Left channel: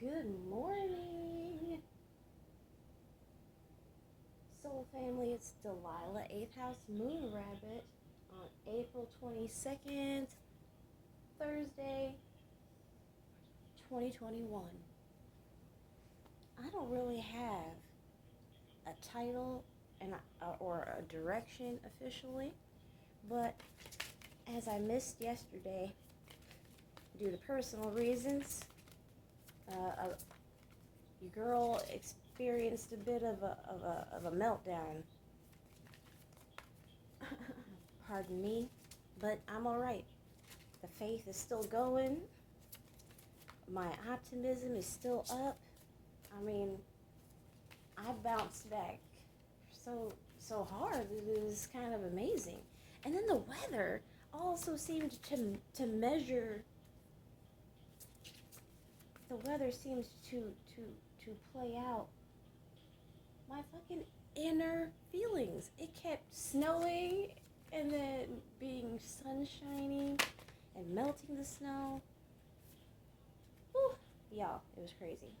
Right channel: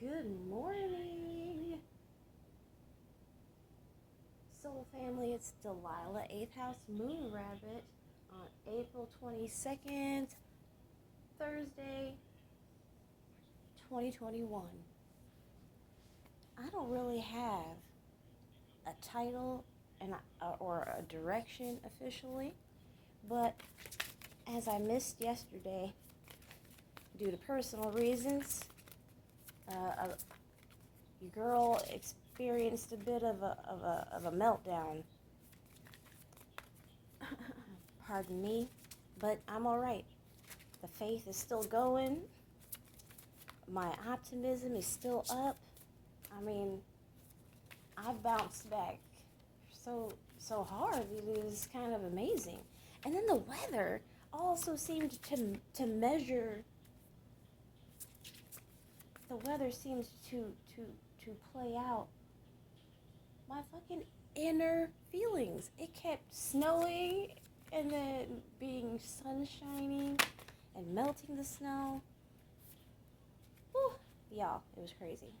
Good morning, Soul Family. It's Delilah, 8th House Moon Rabbit on April 22nd, Thursday, 2021. I don't really have a title or a direction officially, but as I missed yesterday due to personal reasons, your girl experienced a bit of a meltdown. Pardon me, but I'm all right. The faith is still going. My optimism is still up. I mean, I bounced back so hard. It was kind of amazing. And then the weather also seemed to measure. The weather seems to play out my fucking inner feelings. It kept snowing and then being sunshiny and melting the snow. Whew. Y'all, it was crazy.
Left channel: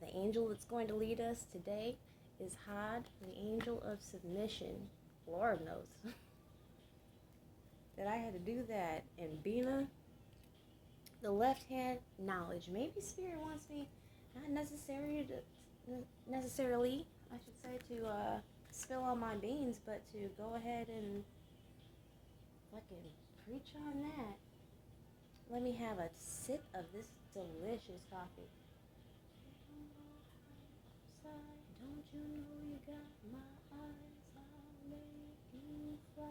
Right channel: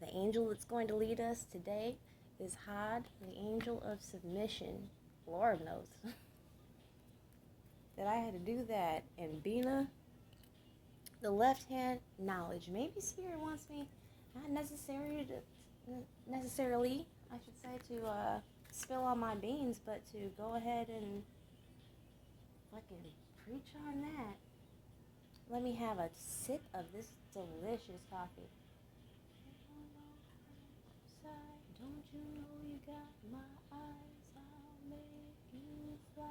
The angel that's going to lead us today is Had, the angel of submission. Lord knows that I had to do that. And Bina, the left hand, knowledge. Maybe Spirit wants me, not necessarily, I should say, to spill on my beans, but to go ahead and fucking preach on that. Let me have a sip of this delicious coffee. Don't you know you got my eyes? I'll make you fly.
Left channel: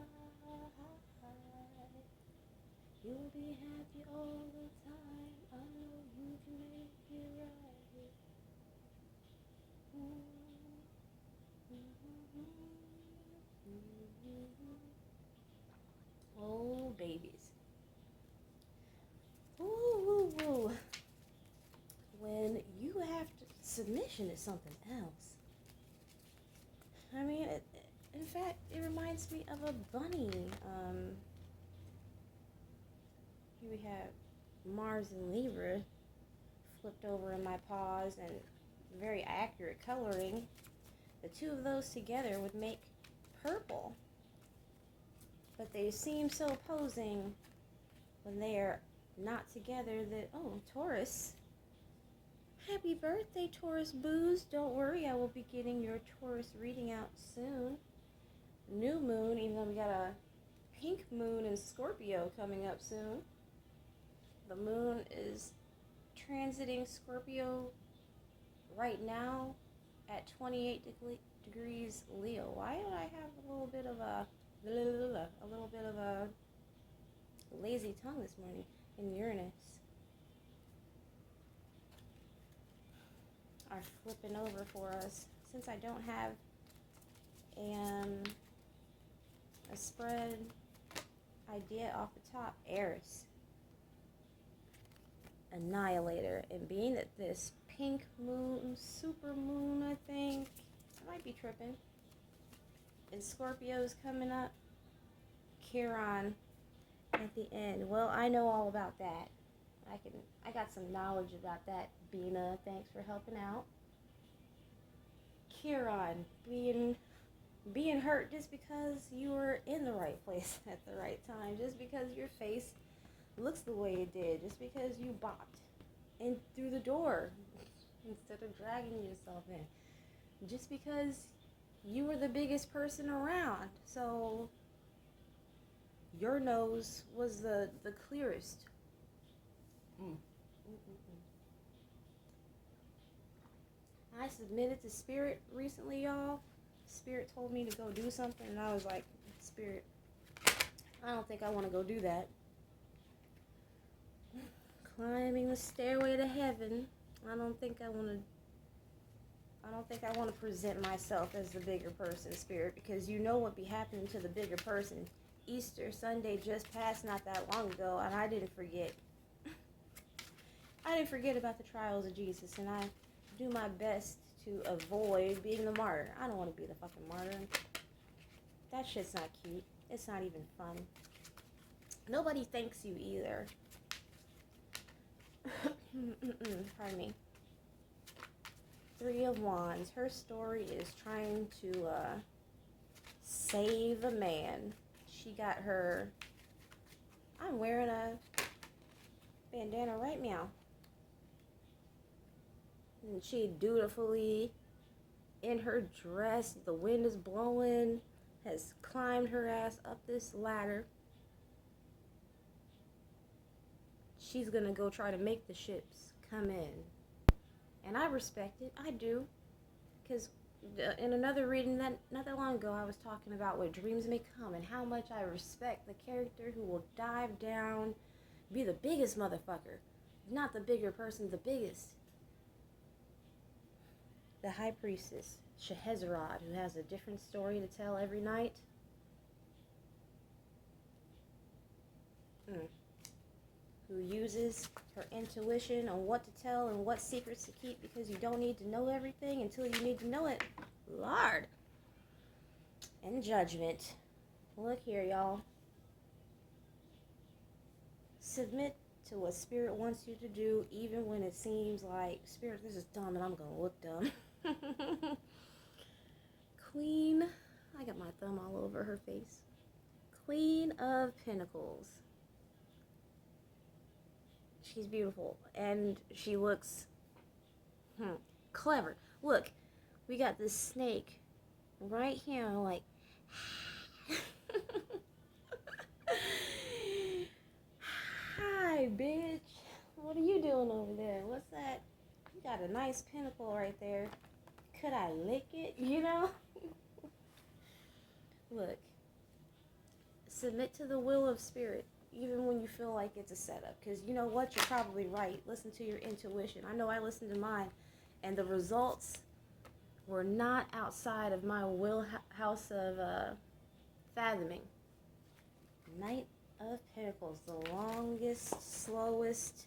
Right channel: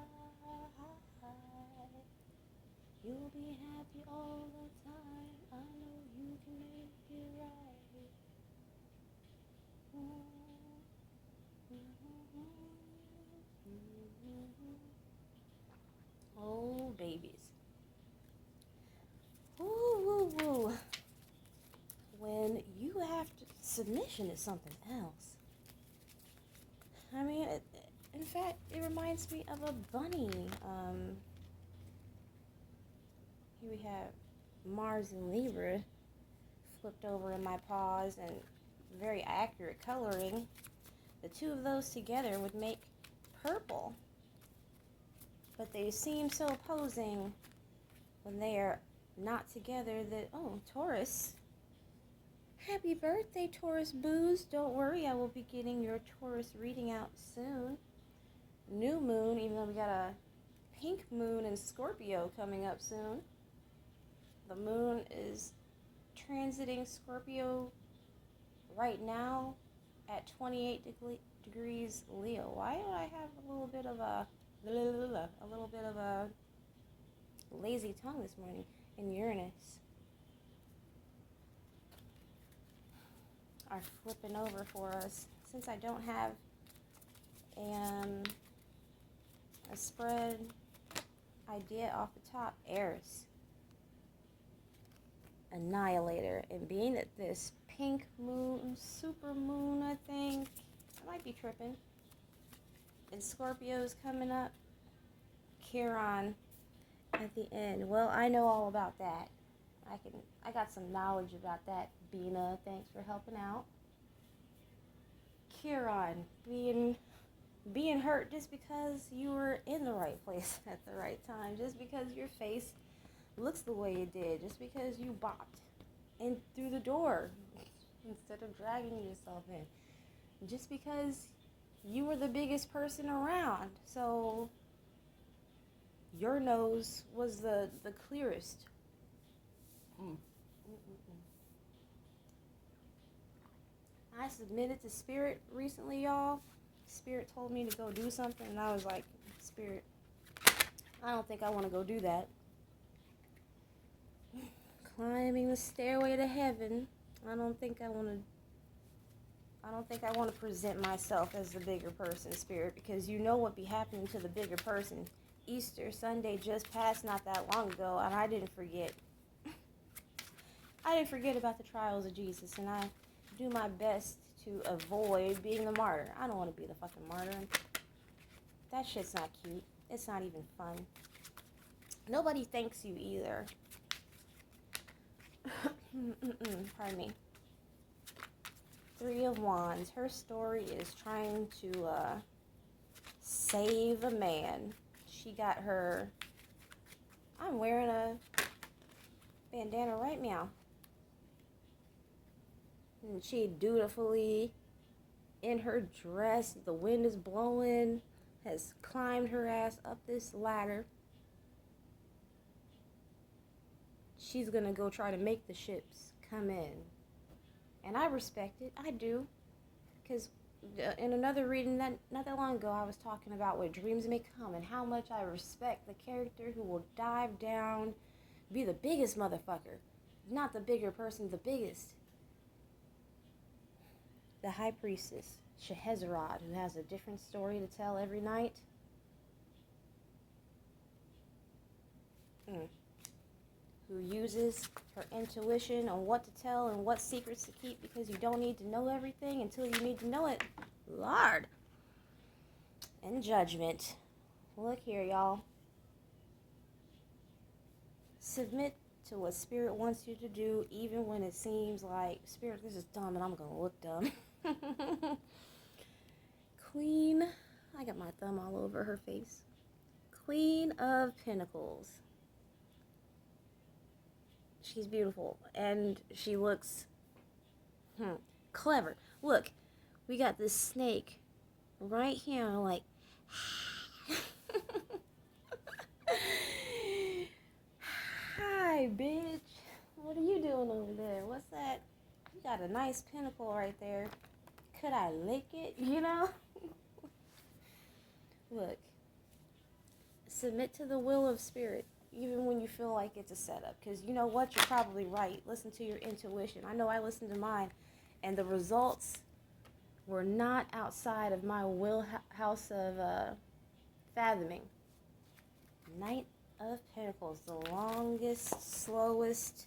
You'll be happy all the time. I know you can make it right. Oh, babies. Woo, woo, woo. When you have to, submission is something else. I mean, in fact, it reminds me of a bunny. Here we have Mars and Libra flipped over in my paws and very accurate coloring. The two of those together would make purple. But they seem so opposing when they are not together that, oh, Taurus. Happy birthday, Taurus Booze. Don't worry, I will be getting your Taurus reading out soon. New moon, even though we got a pink moon in Scorpio coming up soon. The moon is transiting Scorpio right now at 28 degrees Leo. Why did I have a little bit of a lazy tongue this morning? In Uranus are flipping over for us. Since I don't have a spread idea off the top, Eris, Annihilator, and being that this pink moon, super moon, I think, I might be tripping, and Scorpio is coming up, Chiron at the end. Well, I know all about that. I got some knowledge about that. Bina, thanks for helping out. Chiron, being hurt just because you were in the right place at the right time, just because your face looks the way it did, just because you bopped in through the door instead of dragging yourself in, just because you were the biggest person around, so your nose was the clearest. I submitted to Spirit recently, y'all. Spirit told me to go do something, and I was like, Spirit, I don't think I want to go do that. Climbing the stairway to heaven. I don't think I want to present myself as the bigger person, Spirit, because you know what be happening to the bigger person. Easter Sunday just passed not that long ago, and I didn't forget. I didn't forget about the trials of Jesus, and I do my best to avoid being the martyr. I don't want to be the fucking martyr. That shit's not cute. It's not even fun. Nobody thanks you either. Pardon me. Three of Wands. Her story is trying to save a man. She got her... I'm wearing a bandana right now. And she dutifully, in her dress, the wind is blowing, has climbed her ass up this ladder. She's gonna go try to make the ships come in. And I respect it. I do. Because in another reading not that long ago, I was talking about what dreams may come and how much I respect the character who will dive down, be the biggest motherfucker. Not the bigger person, the biggest. The High Priestess, Shehezerod, who has a different story to tell every night. Who uses her intuition on what to tell and what secrets to keep, because you don't need to know everything until you need to know it. Lord. And Judgment. Look here, y'all. Submit to what Spirit wants you to do, even when it seems like, Spirit, this is dumb and I'm going to look dumb. Queen, I got my thumb all over her face. Queen of Pentacles. She's beautiful, and she looks clever. Look, we got this snake right here, like, hi, bitch. What are you doing over there? What's that? You got a nice pinnacle right there. Could I lick it? You know? Look, submit to the will of Spirit, even when you feel like it's a setup. Because you know what? You're probably right. Listen to your intuition. I know I listened to mine, and the results were not outside of my wheelhouse of fathoming. Knight of Pentacles, the longest, slowest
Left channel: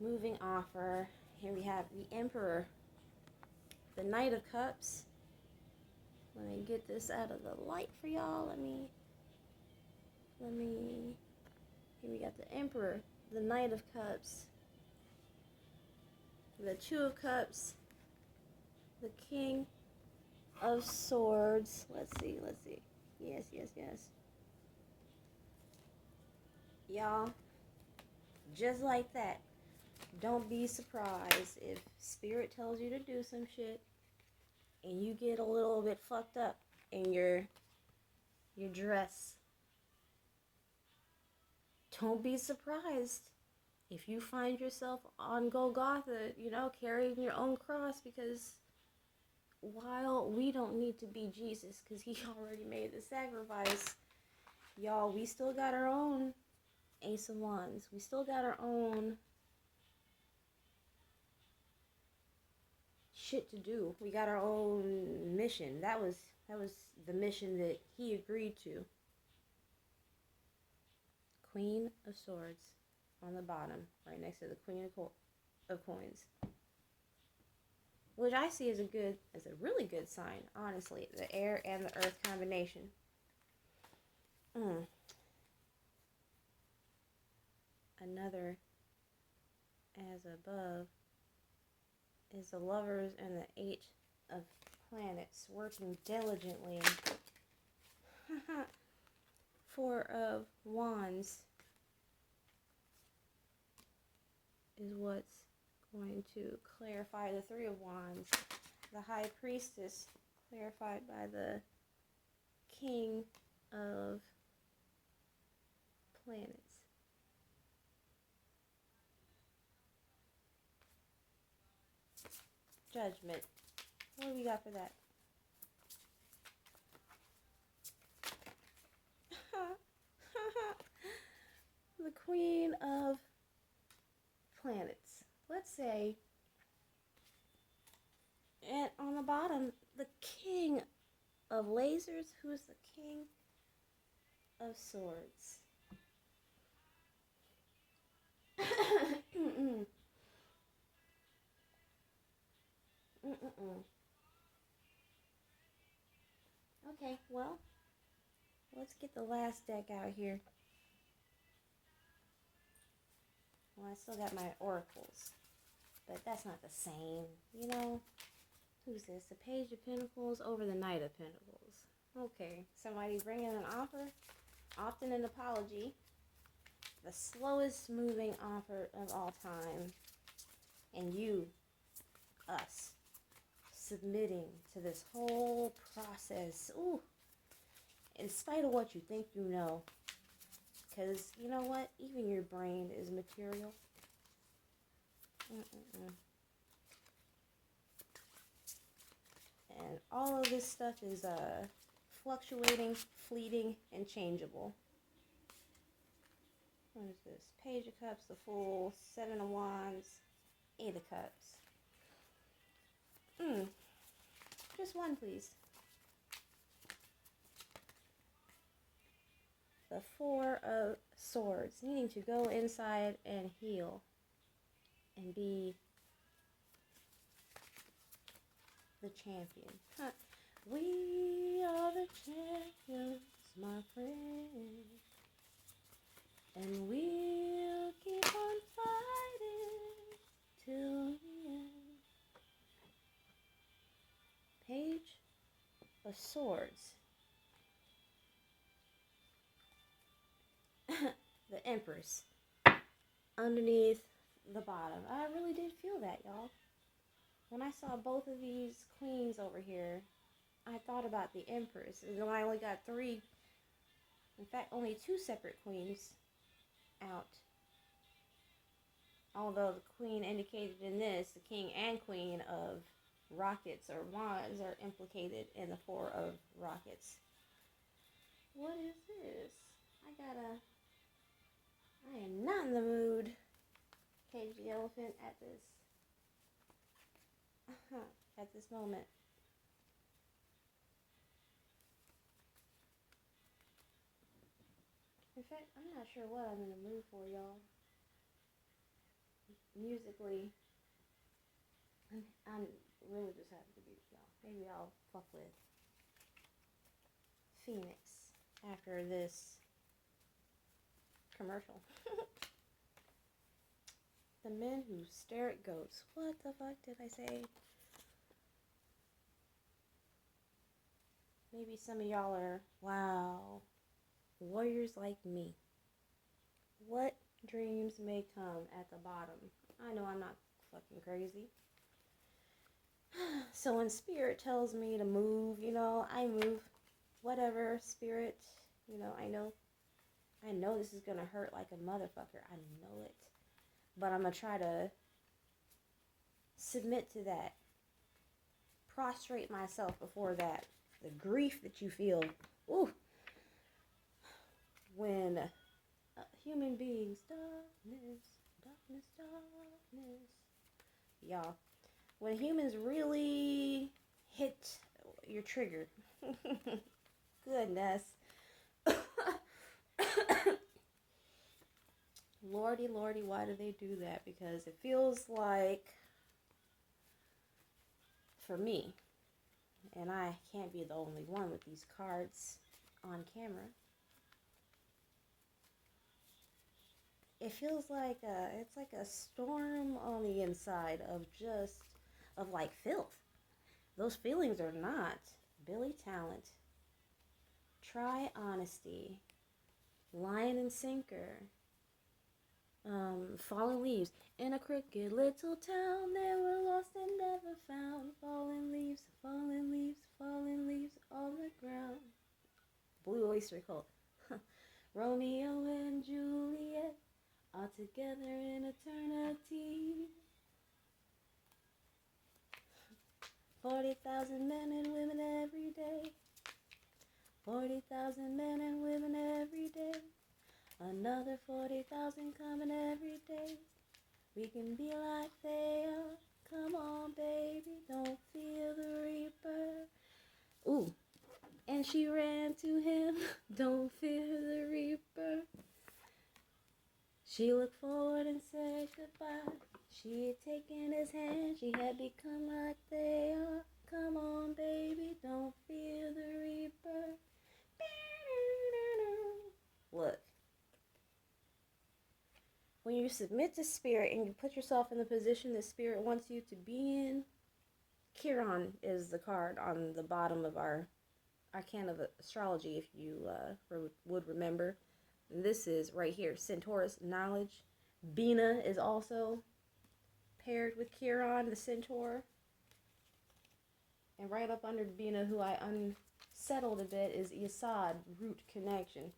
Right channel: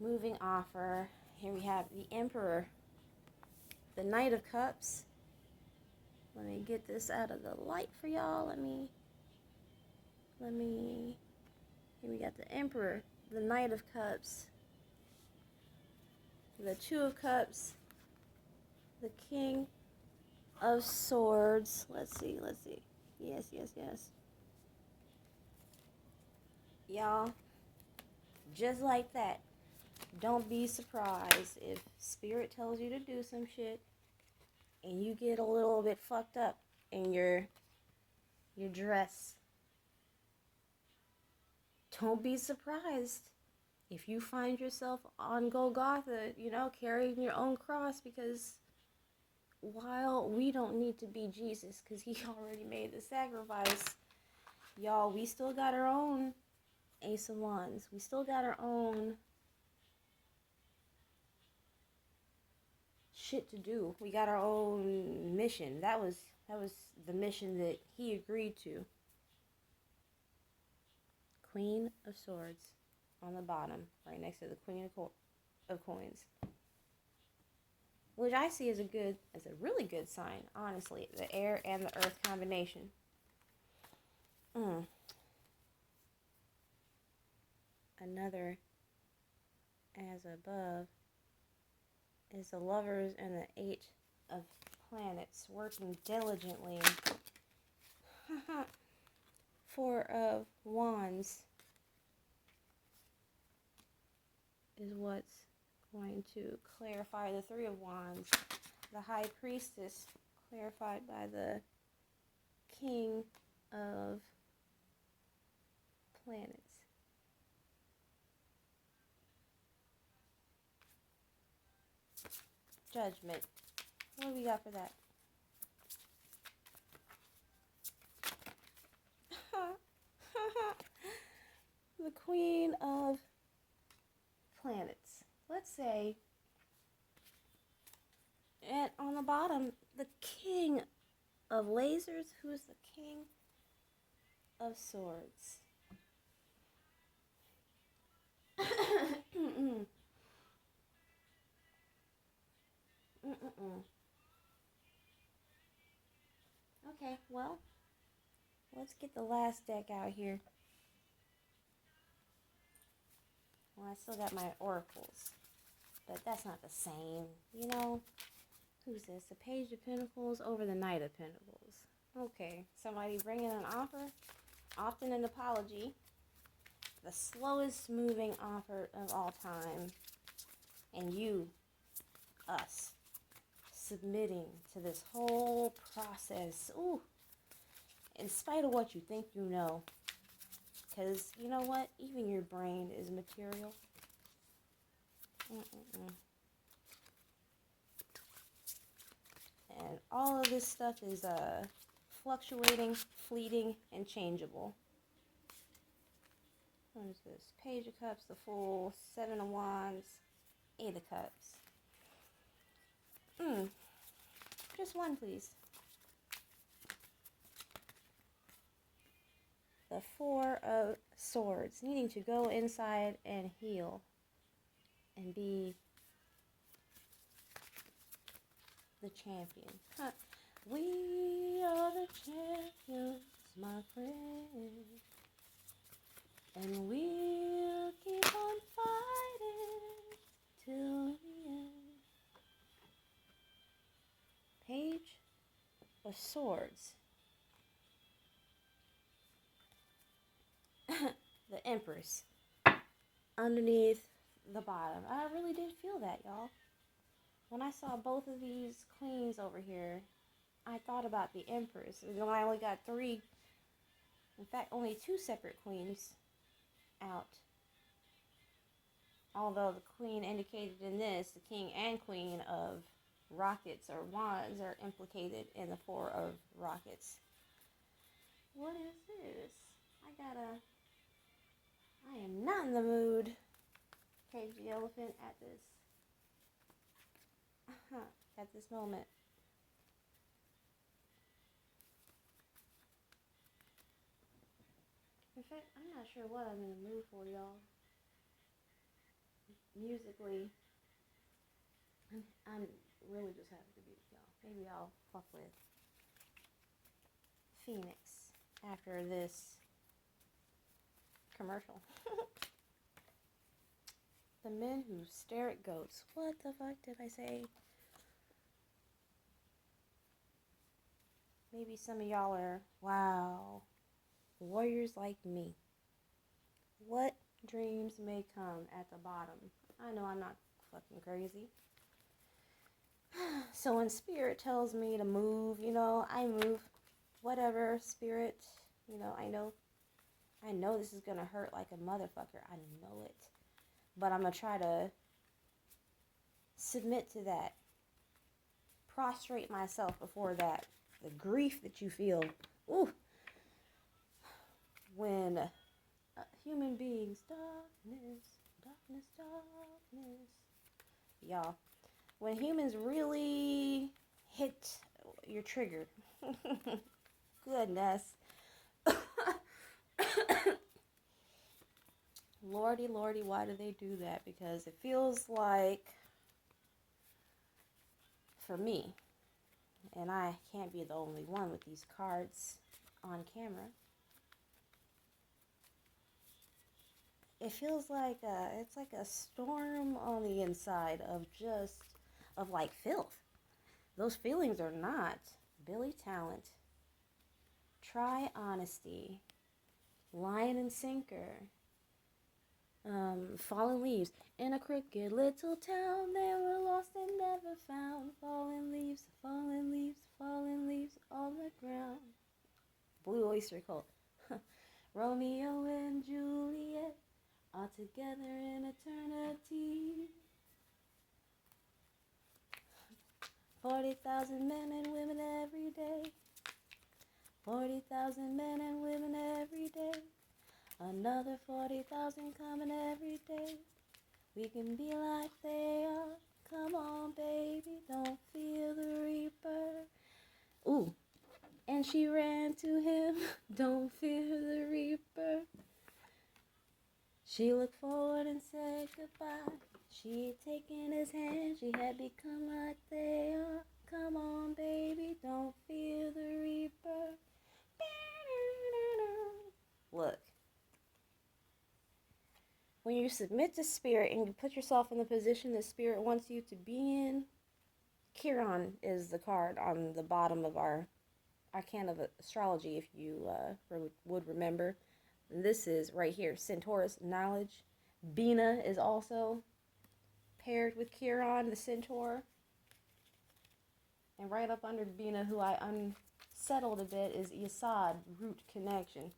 moving offer. Here we have the Emperor, the Knight of Cups. Let me get this out of the light for y'all. Let me, here we got the Emperor, the Knight of Cups, the Two of Cups, the King of Swords. Let's see. Yes. Y'all, just like that, don't be surprised if Spirit tells you to do some shit and you get a little bit fucked up in your dress. Don't be surprised if you find yourself on Golgotha, carrying your own cross, because while we don't need to be Jesus because he already made the sacrifice, y'all, we still got our own Ace of Wands. We still got our own shit to do. We got our own mission. That was the mission that he agreed to. Queen of Swords on the bottom, right next to the Queen of Coins, which I see as a really good sign, honestly. The air and the earth combination. Another as above is the Lovers and the Eight of Planets working diligently. Four of Wands is what's going to clarify the Three of Wands. The High Priestess clarified by the King of Planets. Judgment. What do we got for that? The Queen of Planets. Let's say, and on the bottom, the King of Lasers. Who's the King of Swords? Okay, well, let's get the last deck out here. Well, I still got my oracles, but that's not the same, you know? Who's this? The Page of Pentacles over the Knight of Pentacles. Okay, somebody bringing an offer, often an apology. The slowest moving offer of all time. And you, us, submitting to this whole process. Ooh, in spite of what you think you know. Because, you know what? Even your brain is material. And all of this stuff is fluctuating, fleeting, and changeable. What is this? Page of Cups, the Fool, Seven of Wands, Eight of Cups. Just one, please. The Four of Swords, needing to go inside and heal and be the champion. We are the champions, my friend, and we'll keep on fighting till the end. Page of Swords. The Empress underneath the bottom. I really did feel that, y'all. When I saw both of these queens over here, I thought about the Empress. And then I only got three, in fact, only two separate queens out. Although the queen indicated in this, the king and queen of rockets or wands are implicated in the Four of Rockets. What is this? I am not in the mood. Cage the elephant at this moment. In fact, I'm not sure what I'm in the mood for, y'all. Musically, I'm really just happy to be with y'all. Maybe I'll fuck with Phoenix after this commercial. The Men Who Stare at Goats. What the fuck did I say? Maybe some of y'all are, wow, warriors like me. What dreams may come at the bottom? I know I'm not fucking crazy. So when Spirit tells me to move, you know, I move. Whatever, Spirit, you know, I know this is gonna hurt like a motherfucker. I know it. But I'm gonna try to submit to that. Prostrate myself before that. The grief that you feel. Ooh. When human beings, darkness. Y'all, when humans really hit your trigger. Goodness. Lordy, why do they do that? Because it feels like, for me, and I can't be the only one with these cards on camera, it feels like it's like a storm on the inside of like filth. Those feelings are not Billy Talent, Try Honesty, Lion and Sinker, Fallen Leaves. In a crooked little town, they were lost and never found. Fallen leaves on the ground. Blue Oyster Cult. Romeo and Juliet are together in eternity. 40,000 men and women every day. 40,000 men and women every day. Another 40,000 coming every day. We can be like they are. Come on, baby, don't fear the reaper. Ooh, and she ran to him. Don't fear the reaper. She looked forward and said goodbye. She had taken his hand. She had become like they are. Come on, baby, don't fear the reaper. Look. When you submit to spirit and you put yourself in the position that spirit wants you to be in, Chiron is the card on the bottom of our arcana of astrology, if you would remember. This is right here, Centaurus, knowledge. Bina is also paired with Chiron, the centaur. And right up under Bina, who I unsettled a bit, is Yesod, root connection.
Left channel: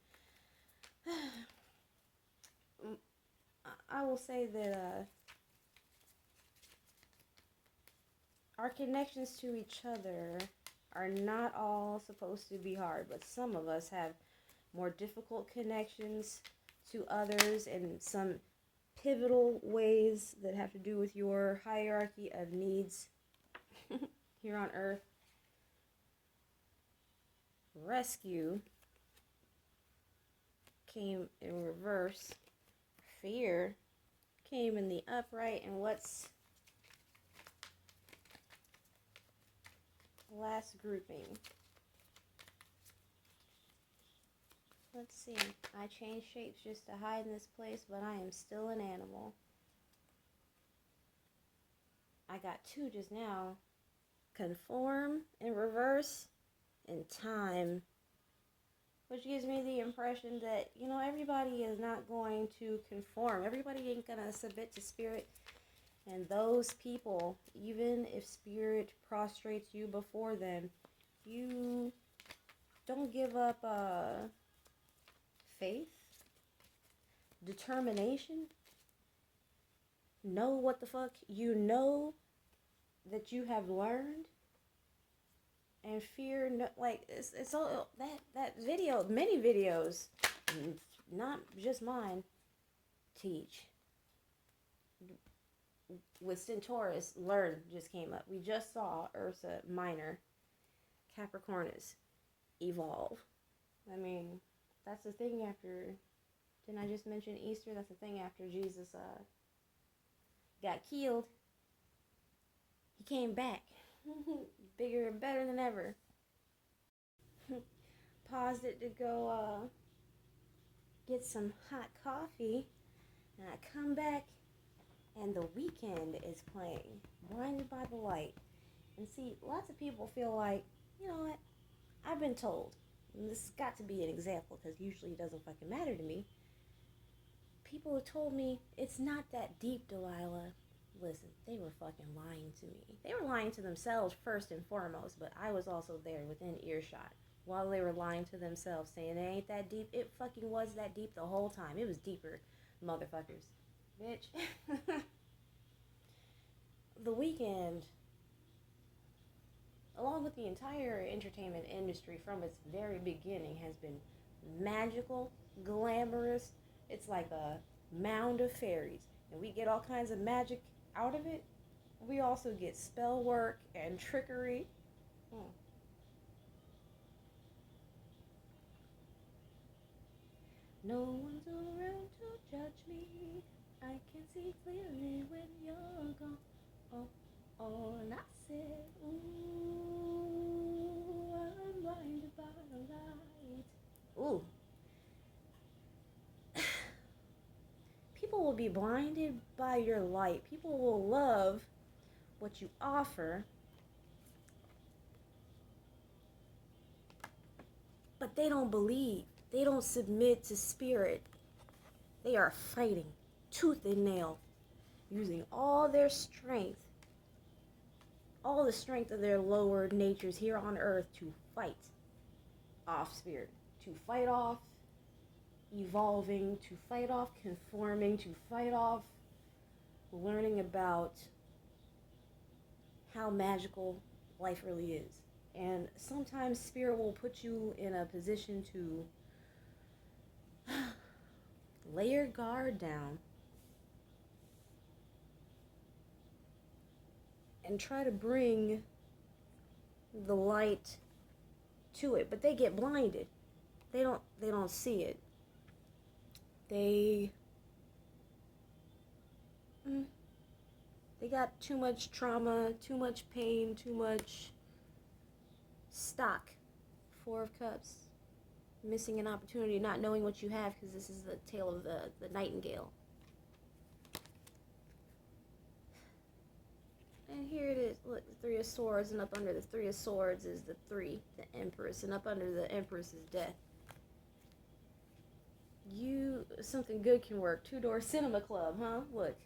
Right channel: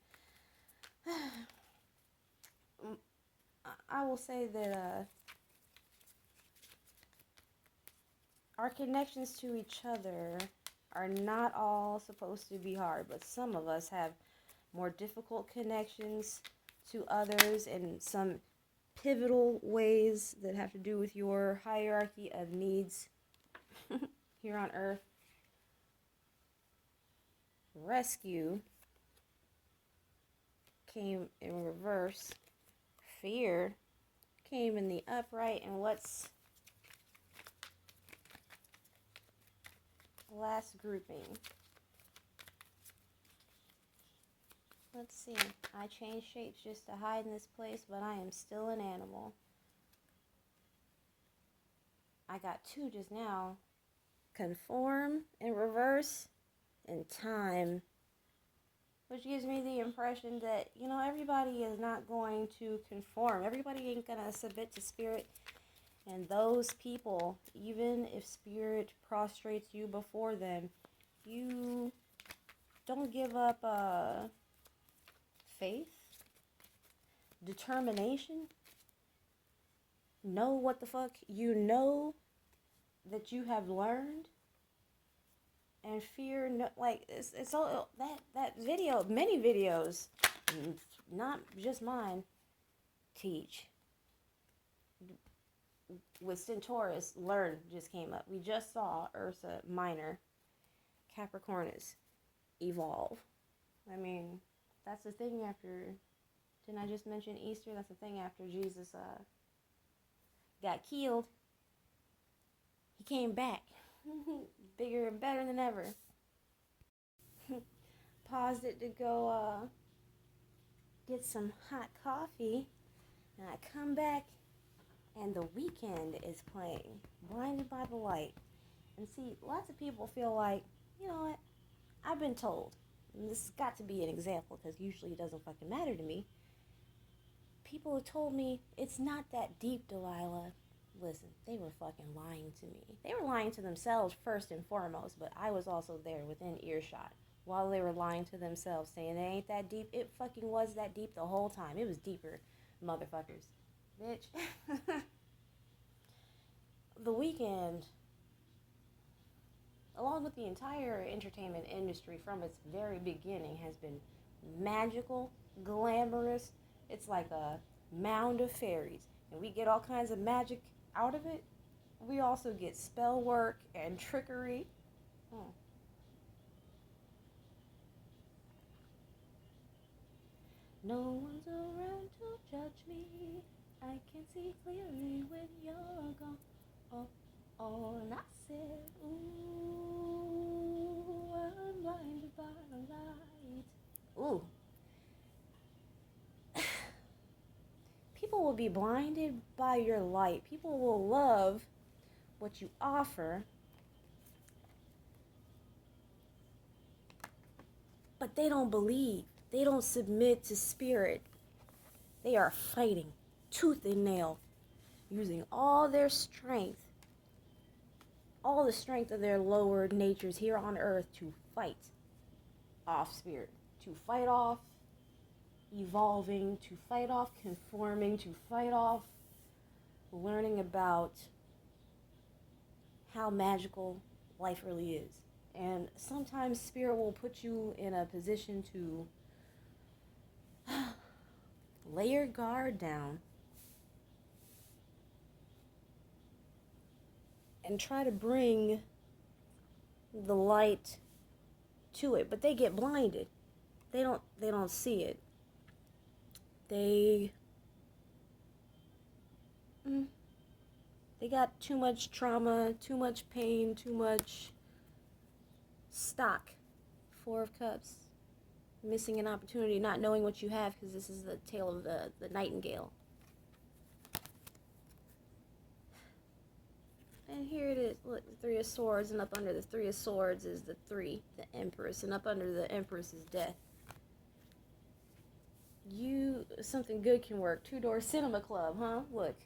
I will say that our connections to each other are not all supposed to be hard, but some of us have more difficult connections to others in some pivotal ways that have to do with your hierarchy of needs here on Earth. Rescue came in reverse. Fear came in the upright. And what's last grouping? Let's see. I changed shapes just to hide in this place, but I am still an animal. I got two just now. Conform in reverse and time. Which gives me the impression that, you know, everybody is not going to conform. Everybody ain't going to submit to spirit. And those people, even if spirit prostrates you before them, you don't give up faith, determination, know what the fuck you know that you have learned, and fear, like, it's all that video, many videos, not just mine, teach. With Centaurus, learn just came up. We just saw Ursa Minor, Capricornus, evolve. I mean, that's the thing after, didn't I just mention Easter? That's the thing after Jesus got killed. He came back. Bigger and better than ever. Paused it to go get some hot coffee. And I come back and The Weeknd is playing. Blinded by the Light. And see, lots of people feel like, you know what? I've been told. And this has got to be an example because usually it doesn't fucking matter to me. People have told me it's not that deep, Delilah. Listen, they were fucking lying to me. They were lying to themselves first and foremost, but I was also there within earshot while they were lying to themselves, saying it ain't that deep. It fucking was that deep the whole time. It was deeper, motherfuckers. Bitch. The Weeknd, along with the entire entertainment industry from its very beginning, has been magical, glamorous. It's like a mound of fairies. And we get all kinds of magic out of it. We also get spell work and trickery. No one's around to judge me. I can see clearly when you're gone. Oh, and I said, ooh, I'm blinded by the light. Ooh. People will be blinded by your light. People will love what you offer, but they don't believe. They don't submit to spirit. They are fighting tooth and nail, using all their strength, all the strength of their lower natures here on earth to fight off spirit, to fight off evolving, to fight off conforming, to fight off learning about how magical life really is. And sometimes spirit will put you in a position to lay your guard down and try to bring the light to it, but they get blinded. They don't see it. They got too much trauma, too much pain, too much stock. Four of Cups. Missing an opportunity, not knowing what you have, because this is the tale of the nightingale. And here it is. Look, the Three of Swords, and up under the Three of Swords is the Three, the Empress, and up under the Empress is Death. Something good can work. Two-door cinema club, huh? Look.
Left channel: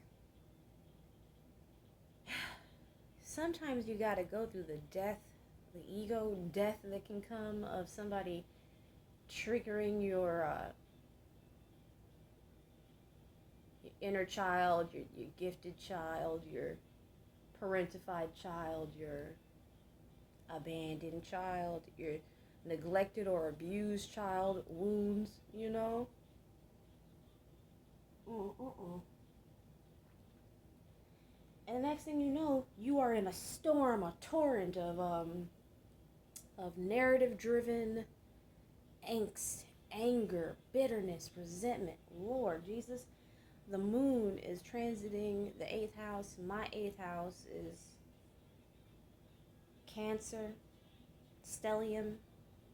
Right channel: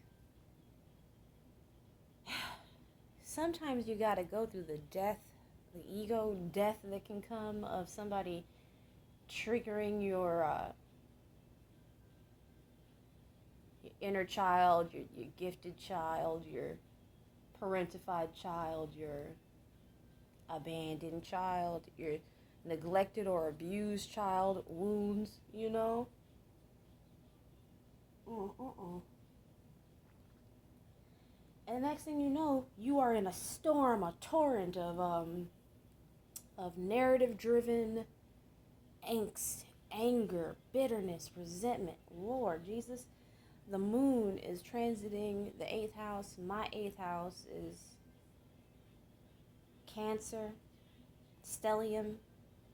Sometimes you gotta go through the death, the ego death that can come of somebody triggering your inner child, your gifted child, your parentified child, your abandoned child, your neglected or abused child wounds, you know? And the next thing you know, you are in a storm, a torrent of narrative-driven angst, anger, bitterness, resentment. Lord Jesus, the moon is transiting the 8th house. My 8th house is Cancer, stellium,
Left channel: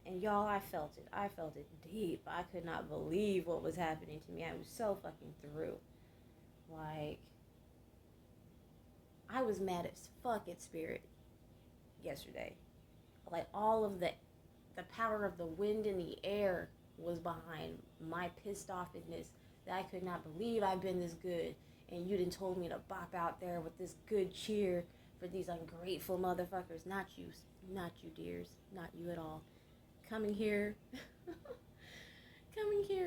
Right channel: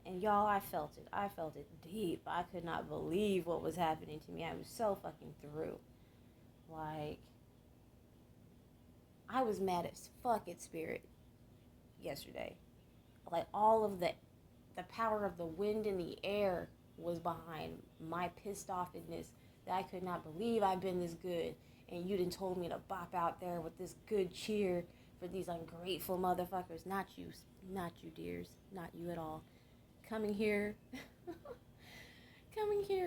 and y'all, I felt it. I felt it deep. I could not believe what was happening to me. I was so fucking through. Like, I was mad as fuck at Spirit yesterday. Like, all of the power of the wind in the air was behind my pissed offness that I could not believe I've been this good, and you done told me to bop out there with this good cheer for these ungrateful motherfuckers. Not you, dears. Not you at all. Coming here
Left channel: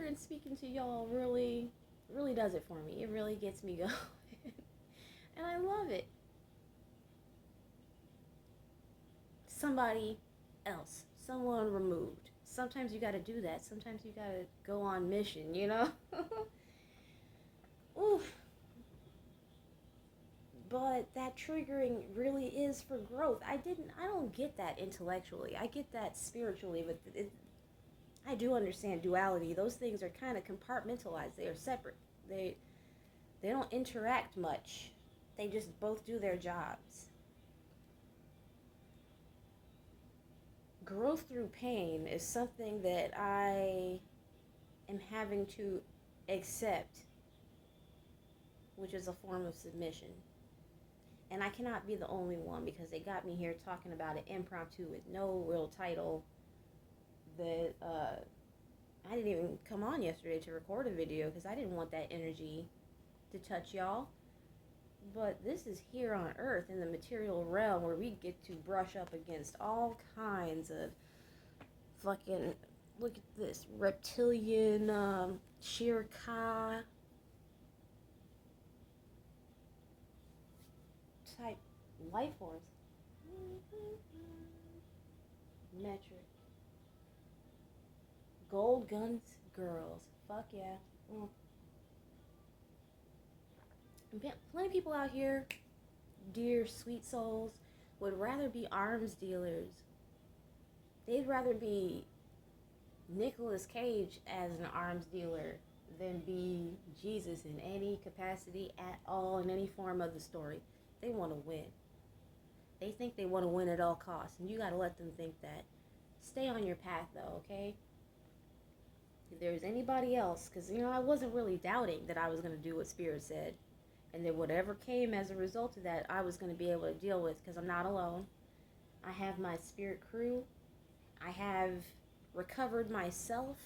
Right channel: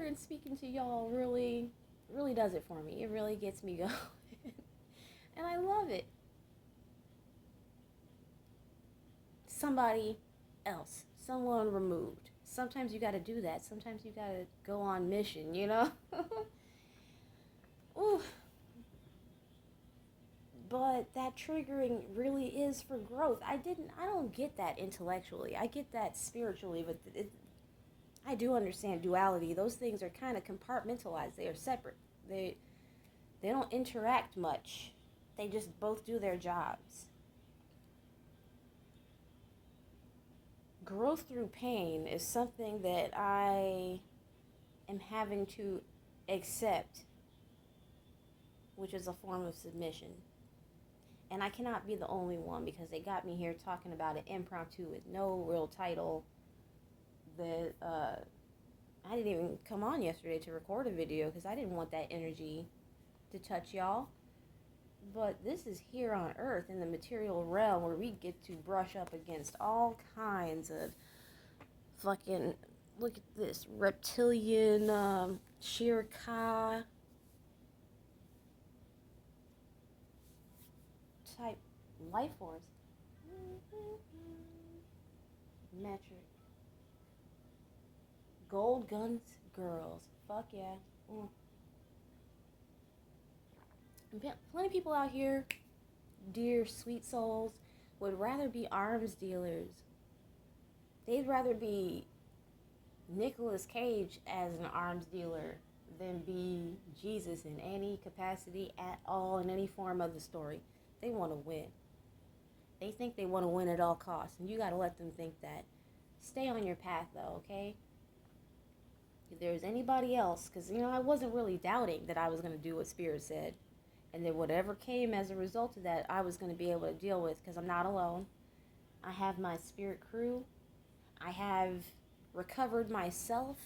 and speaking to y'all really does it for me. It really gets me going. And I love it. Somebody else, someone removed. Sometimes you gotta do that. Sometimes you gotta go on mission, you know? Ooh. But that triggering really is for growth. I don't get that intellectually. I get that spiritually, but I do understand duality. Those things are kind of compartmentalized. They are separate. They don't interact much. They just both do their jobs. Growth through pain is something that I am having to accept, which is a form of submission. And I cannot be the only one, because they got me here talking about it impromptu with no real title. That I didn't even come on yesterday to record a video because I didn't want that energy to touch y'all. But this is here on Earth, in the material realm, where we get to brush up against all kinds of fucking, look at this, reptilian, Shirkai type life force. Metric. Gold guns girls. Fuck yeah. Plenty of people out here, dear sweet souls, would rather be arms dealers. They'd rather be Nicolas Cage as an arms dealer than be Jesus in any capacity at all, in any form of the story. They want to win. They think they want to win at all costs, and you got to let them think that. Stay on your path, though, okay? If there's anybody else, because, I wasn't really doubting that I was going to do what Spirit said. And then whatever came as a result of that, I was going to be able to deal with, because I'm not alone. I have my spirit crew. I have recovered myself